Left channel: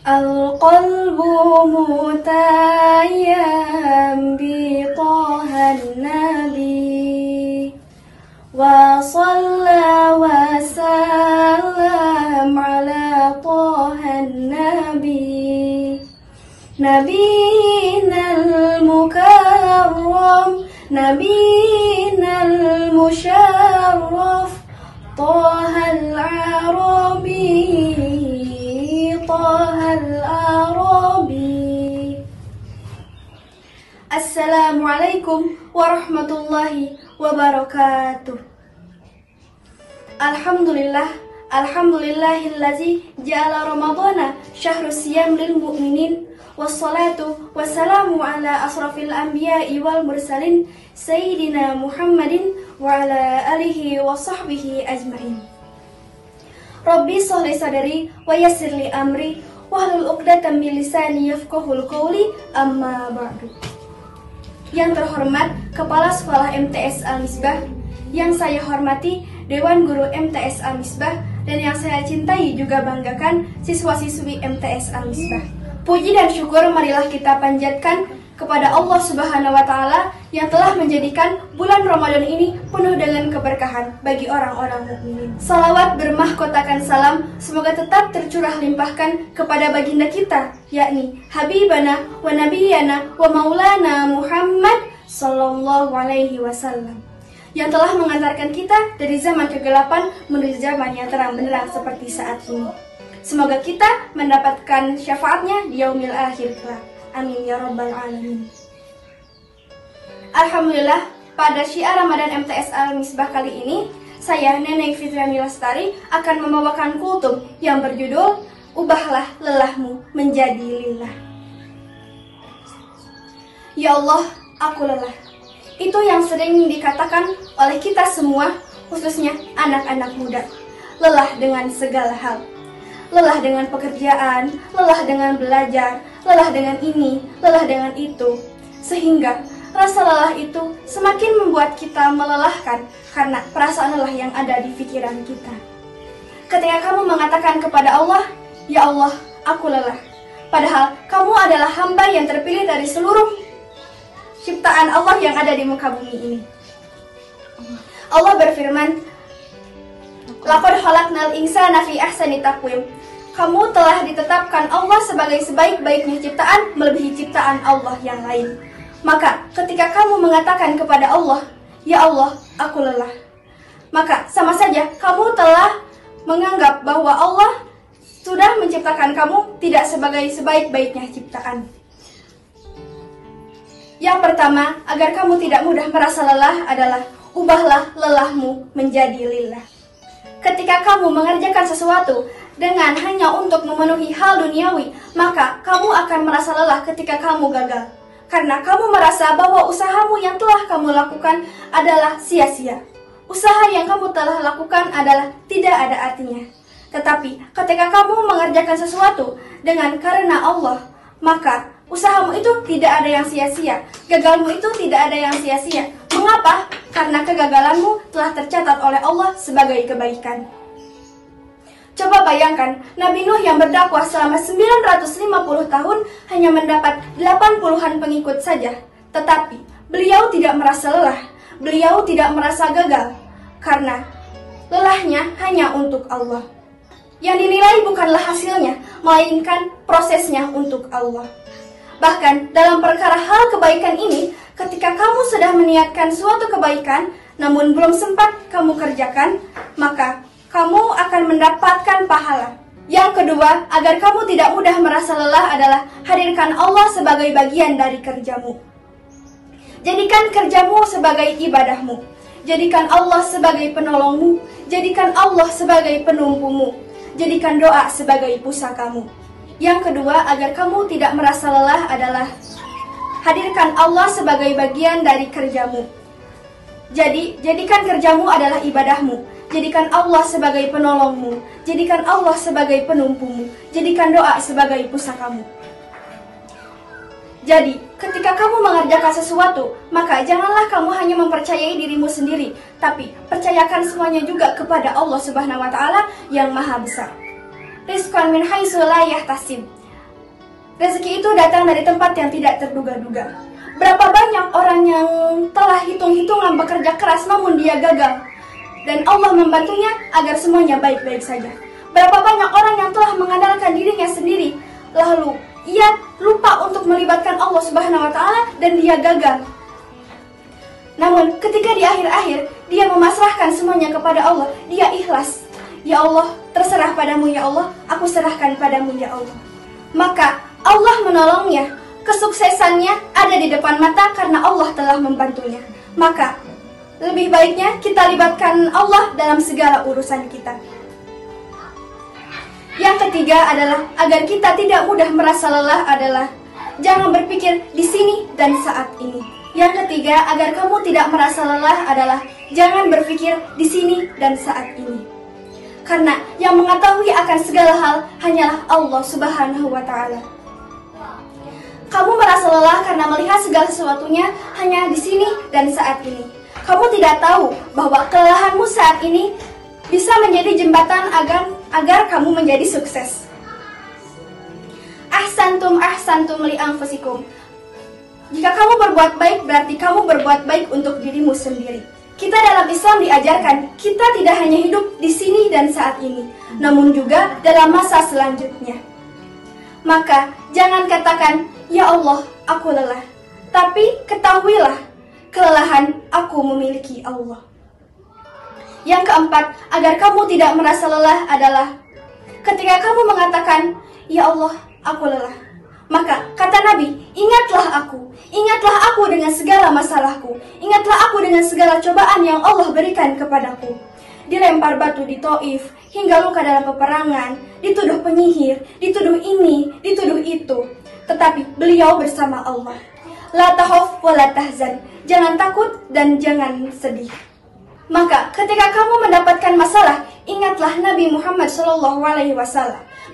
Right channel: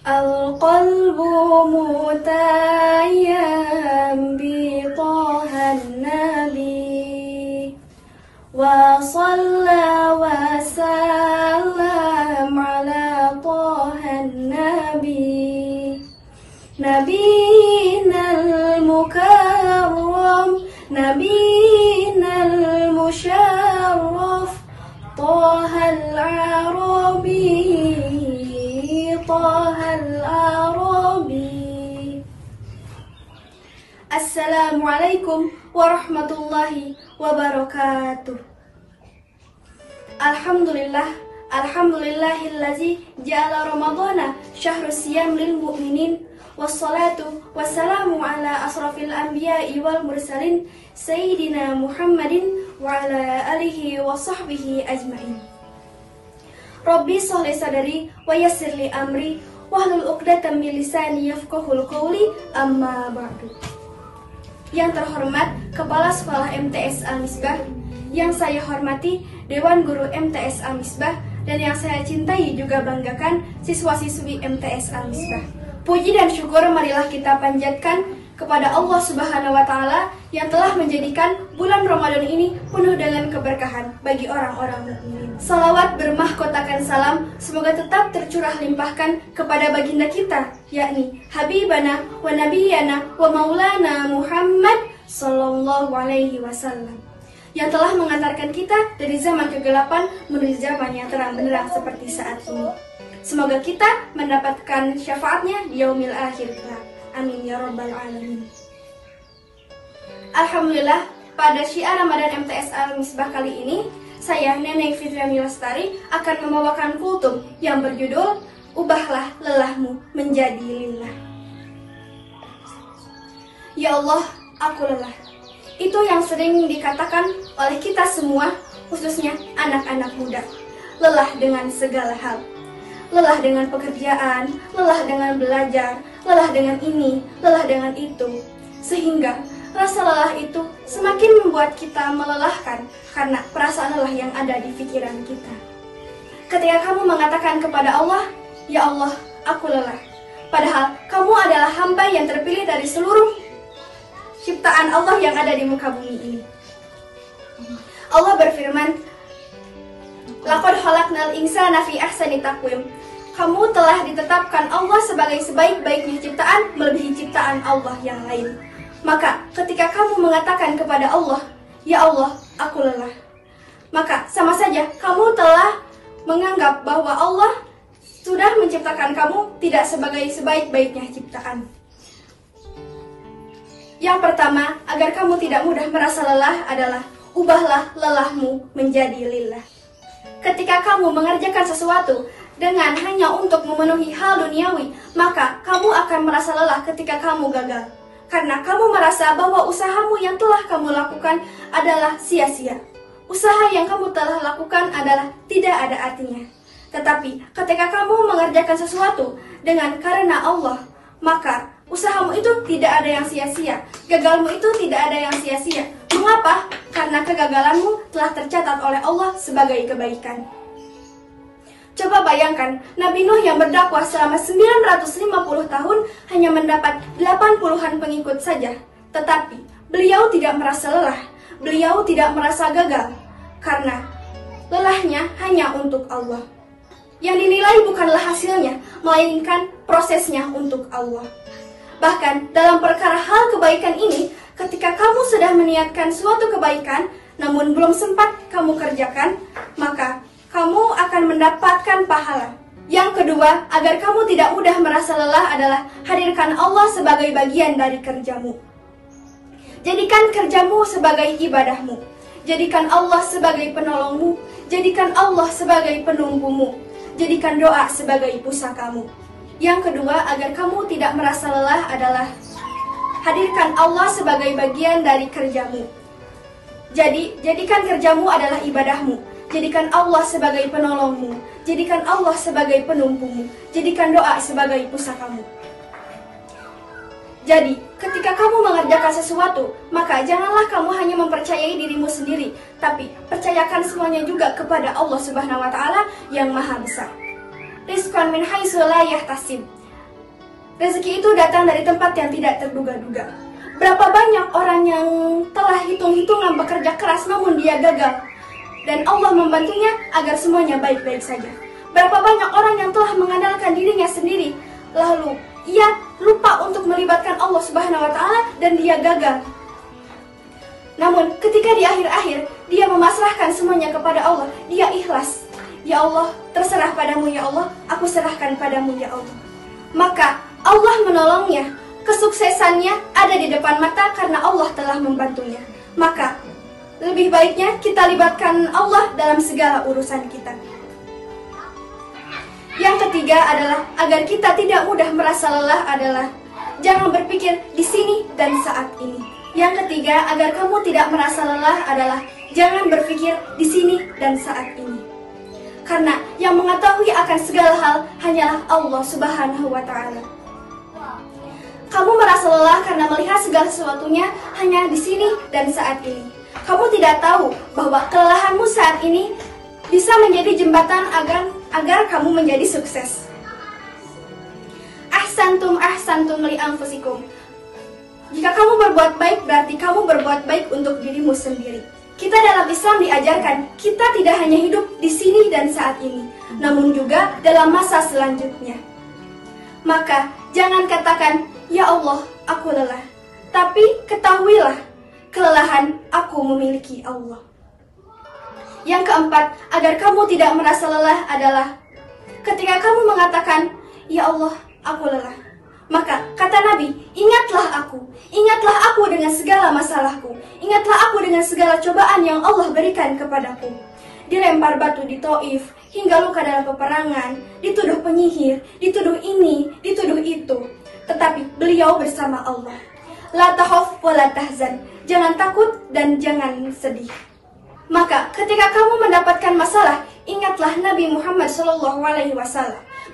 Al-qalbu mutayyam bi tahan nabi wa salla wa sallam ala tahan nabi nabiyinal mukarram nabiyinal musharraf tahal arabi Al-Arabi. Assalamualaikum warahmatullahi wabarakatuh. Alhamdulillahillazi ja'ala Ramadhana syahrus siyam lil mu'minin wassalatu wassalamu ala asrafil anbiya'i wal mursalin sayyidina Muhammadin wa ala alihi wa sahbihi ajmain. Rabbi sholli sadri wa yassirli amri wahlul 'uqdatam min lisani yafqahul qawli amma ba'du. Yang terhormat Kepala Sekolah MTS Al-Misbah, yang saya hormati Dewan Guru MTS Al-Misbah, dan yang saya cintai juga banggakan siswa-siswi MTS Al-Misbah. Puji dan syukur marilah kita panjatkan kepada Allah Subhanahu wa Ta'ala yang telah menjadikan bulan Ramadan ini penuh dengan keberkahan bagi orang-orang mukminin. Salawat bermahkotakan salam semoga tetap tercurah limpahkan kepada baginda kita, yakni Habibana wa Nabiyana wa Maulana Muhammad Sallallahu Alaihi Wasallam, yang telah mengantarkan kita dari zaman kegelapan menuju zaman yang terang benderang seperti saat ini. Semoga kita mendapatkan syafaatnya di yaumil akhir kelak. Amin ya rabbal alamin. Alhamdulillah, pada syiar Ramadan MTS Al-Misbah kali ini, saya Neneng Fitriani Lestari akan membawakan kultum yang berjudul Ubahlah lelahmu menjadi lillah. Ya Allah, aku lelah. Itu yang sering dikatakan oleh kita semua, khususnya anak-anak muda. Lelah dengan segala hal. Lelah dengan pekerjaan, lelah dengan belajar, lelah dengan ini, lelah dengan itu. Sehingga rasa lelah itu semakin membuat kita melelahkan karena perasaan lelah yang ada di pikiran kita. Ketika kamu mengatakan kepada Allah, "Ya Allah, aku lelah," padahal kamu adalah hamba yang terpilih dari seluruh ciptaan Allah yang ada di muka bumi ini. Allah berfirman, "Laqad khalaqnal insana fi ahsani taqwim." Kamu telah ditetapkan Allah sebagai sebaik-baiknya ciptaan melebihi ciptaan Allah yang lain. Maka ketika kamu mengatakan kepada Allah, "Ya Allah, aku lelah," maka sama saja kamu telah menganggap bahwa Allah sudah menciptakan kamu tidak sebagai sebaik-baiknya ciptaan. Yang pertama, agar kamu tidak mudah merasa lelah adalah ubahlah lelahmu menjadi lillah. Ketika kamu mengerjakan sesuatu dengan hanya untuk memenuhi hal duniawi, maka kamu akan merasa lelah ketika kamu gagal. Karena kamu merasa bahwa usahamu yang telah kamu lakukan adalah sia-sia. Usaha yang kamu telah lakukan adalah tidak ada artinya. Tetapi ketika kamu mengerjakan sesuatu dengan karena Allah, maka usahamu itu tidak ada yang sia-sia. Gagalmu itu tidak ada yang sia-sia. Mengapa? Karena kegagalanmu telah tercatat oleh Allah sebagai kebaikan. Coba bayangkan, Nabi Nuh yang berdakwah selama 950 tahun hanya mendapat 80-an pengikut saja. Tetapi beliau tidak merasa lelah, beliau tidak merasa gagal, karena lelahnya hanya untuk Allah. Yang dinilai bukanlah hasilnya, melainkan prosesnya untuk Allah. Bahkan dalam perkara hal kebaikan ini, ketika kamu sudah meniatkan suatu kebaikan, namun belum sempat kamu kerjakan, maka kamu akan mendapatkan pahala. Yang kedua, agar kamu tidak mudah merasa lelah adalah hadirkan Allah sebagai bagian dari kerjamu. Jadikan kerjamu sebagai ibadahmu. Jadikan Allah sebagai penolongmu. Jadikan Allah sebagai penumpumu. Jadikan doa sebagai pusakamu. Yang kedua, agar kamu tidak merasa lelah adalah hadirkan Allah sebagai bagian dari kerjamu. Jadi, jadikan kerjamu adalah ibadahmu. Jadikan Allah sebagai penolongmu. Jadikan Allah sebagai penumpumu. Jadikan doa sebagai pusakamu. Jadi, ketika kamu mengerjakan sesuatu, maka janganlah kamu hanya mempercayai dirimu sendiri, tapi percayakan semuanya juga kepada Allah Subhanahu wa Ta'ala yang Maha Besar. Rizqan min haitsu la yahtasib. Rezeki itu datang dari tempat yang tidak terduga-duga. Berapa banyak orang yang telah hitung-hitungan bekerja keras namun dia gagal, dan Allah membantunya agar semuanya baik-baik saja. Berapa banyak orang yang telah mengandalkan dirinya sendiri, lalu ia lupa untuk melibatkan Allah Subhanahu wa Ta'ala dan dia gagal. Namun ketika di akhir-akhir dia memasrahkan semuanya kepada Allah, dia ikhlas. Ya Allah, terserah padamu ya Allah, aku serahkan padamu ya Allah. Maka Allah menolongnya, kesuksesannya ada di depan mata karena Allah telah membantunya. Maka lebih baiknya kita libatkan Allah dalam segala urusan kita. Yang ketiga adalah agar kita tidak mudah merasa lelah adalah jangan berpikir di sini dan saat ini. Yang ketiga agar kamu tidak merasa lelah adalah jangan berpikir di sini dan saat ini. Karena yang mengetahui akan segala hal hanyalah Allah Subhanahu wa Ta'ala. Kamu merasa lelah karena melihat segala sesuatunya hanya di sini dan saat ini. Kamu tidak tahu bahwa kelelahanmu saat ini bisa menjadi jembatan agar kamu menjadi sukses. Ahsantum li anfusikum. Jika kamu berbuat baik, berarti kamu berbuat baik untuk dirimu sendiri. Kita dalam Islam diajarkan, kita tidak hanya hidup di sini dan saat ini, namun juga dalam masa selanjutnya. Maka, jangan katakan, ya Allah, aku lelah. Tapi, ketahuilah, kelelahan aku memiliki Allah. Yang keempat, agar kamu tidak merasa lelah adalah, ketika kamu mengatakan, ya Allah, aku lelah. Maka kata Nabi, ingatlah aku dengan segala masalahku, ingatlah aku dengan segala cobaan yang Allah berikan kepadaku. Dilempar batu di Taif, hingga luka dalam peperangan, dituduh penyihir, dituduh ini, dituduh itu. Tetapi beliau bersama Allah. La tahaf wa la tahzan, jangan takut dan jangan sedih. Maka ketika kamu mendapatkan masalah, ingatlah Nabi Muhammad SAW.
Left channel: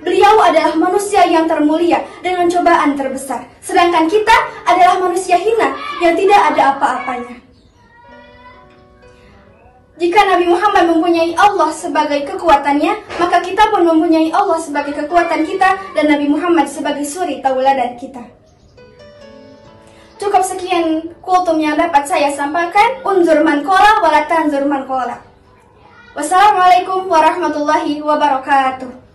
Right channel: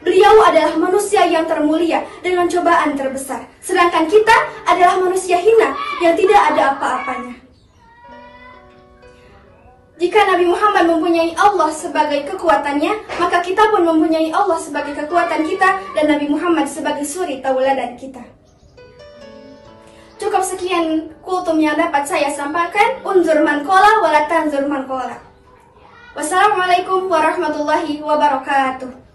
Beliau adalah manusia yang termulia dengan cobaan terbesar. Sedangkan kita adalah manusia hina yang tidak ada apa-apanya. Jika Nabi Muhammad mempunyai Allah sebagai kekuatannya, maka kita pun mempunyai Allah sebagai kekuatan kita dan Nabi Muhammad sebagai suri tauladan kita. Cukup sekian kultum yang dapat saya sampaikan. Unzur man qala wa la tanzur man qala. Wassalamualaikum warahmatullahi wabarakatuh.